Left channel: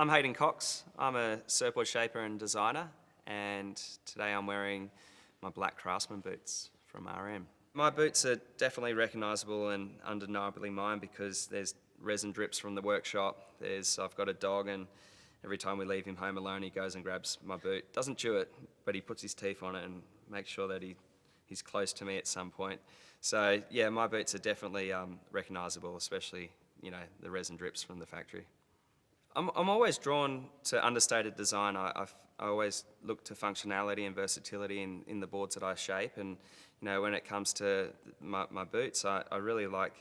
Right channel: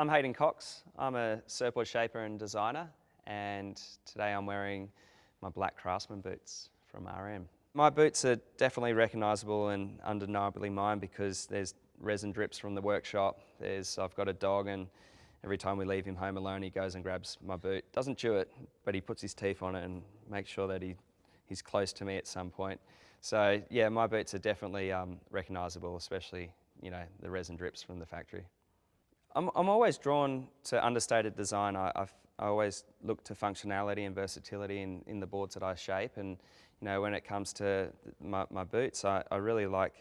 I'm Hayden Cox. I'm a surfboard shaper and designer, and today I'm wearing my black Craftsman boots from R.M. My boots are definitely recognisable and undeniably mine because there's resin drips from the workshop. I've got a dog, and every time we leave him home alone, he goes and grabs my boot. Doesn't chew it, but he puts his teeth on it and makes sure that he's close to me at some point. So yeah, my boots are definitely recognisable, especially the resin drips from the factory. I'm always drawn to understated design. I always look to functionality and versatility in the boards that I shape, and when it comes to my boots, I really like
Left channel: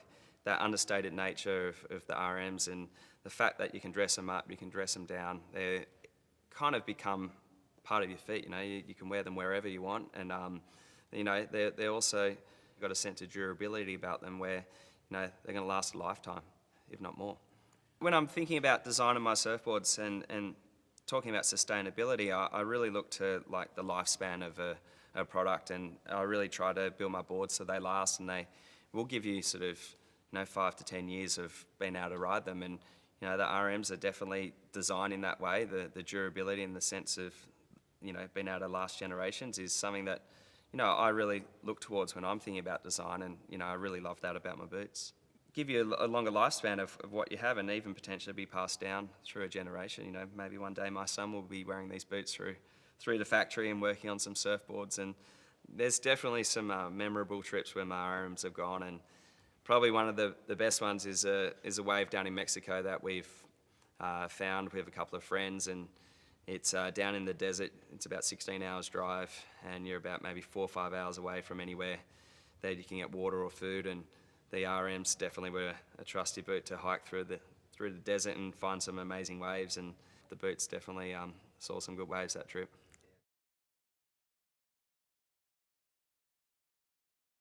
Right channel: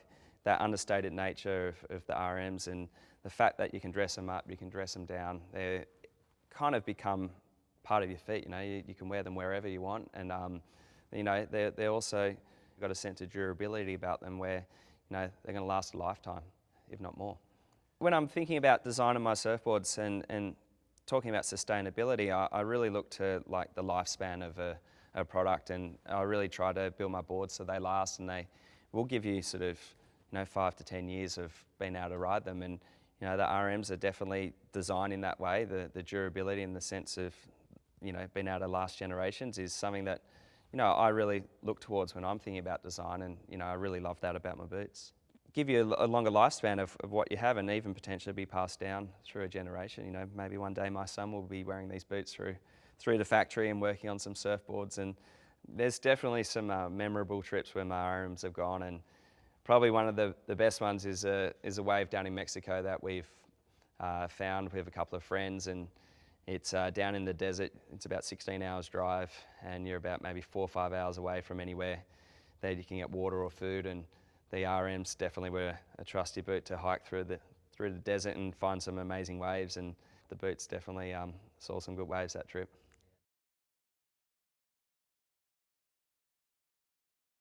that understated nature of the RMs and the fact that you can dress them up, you can dress them down. They kind of become part of your feet. You can wear them wherever you want, and they also got a sense of durability about them where they're going to last a lifetime, if not more. When I'm thinking about designing my surfboards and talking about sustainability, I really look to like the lifespan of a product, and I really try to build my boards so they last and they will give you sort of 5 to 10 years of being able to ride them. And the RMs are definitely designed in that way. The durability and the sense of being able to last generations is something that I really look towards when I'm thinking about design, and I really love that about my boots. Give you a longer lifespan of what you have, and even potentially be passed down through a generation. Maybe one day my son will be wearing these boots through the factory and working on some surfboards. And there's definitely some memorable trips where my RMs have gone, and probably one of the best ones is a wave down in Mexico that we've found with a couple of friends, and it's down in the desert. It's about 16 hours drive, and you're about maybe 4 or 5 hours away from anywhere that you can get water or food. And the RMs definitely were a trusty boot to hike through the desert and find some amazing waves, and the boots definitely saw some good waves that trip.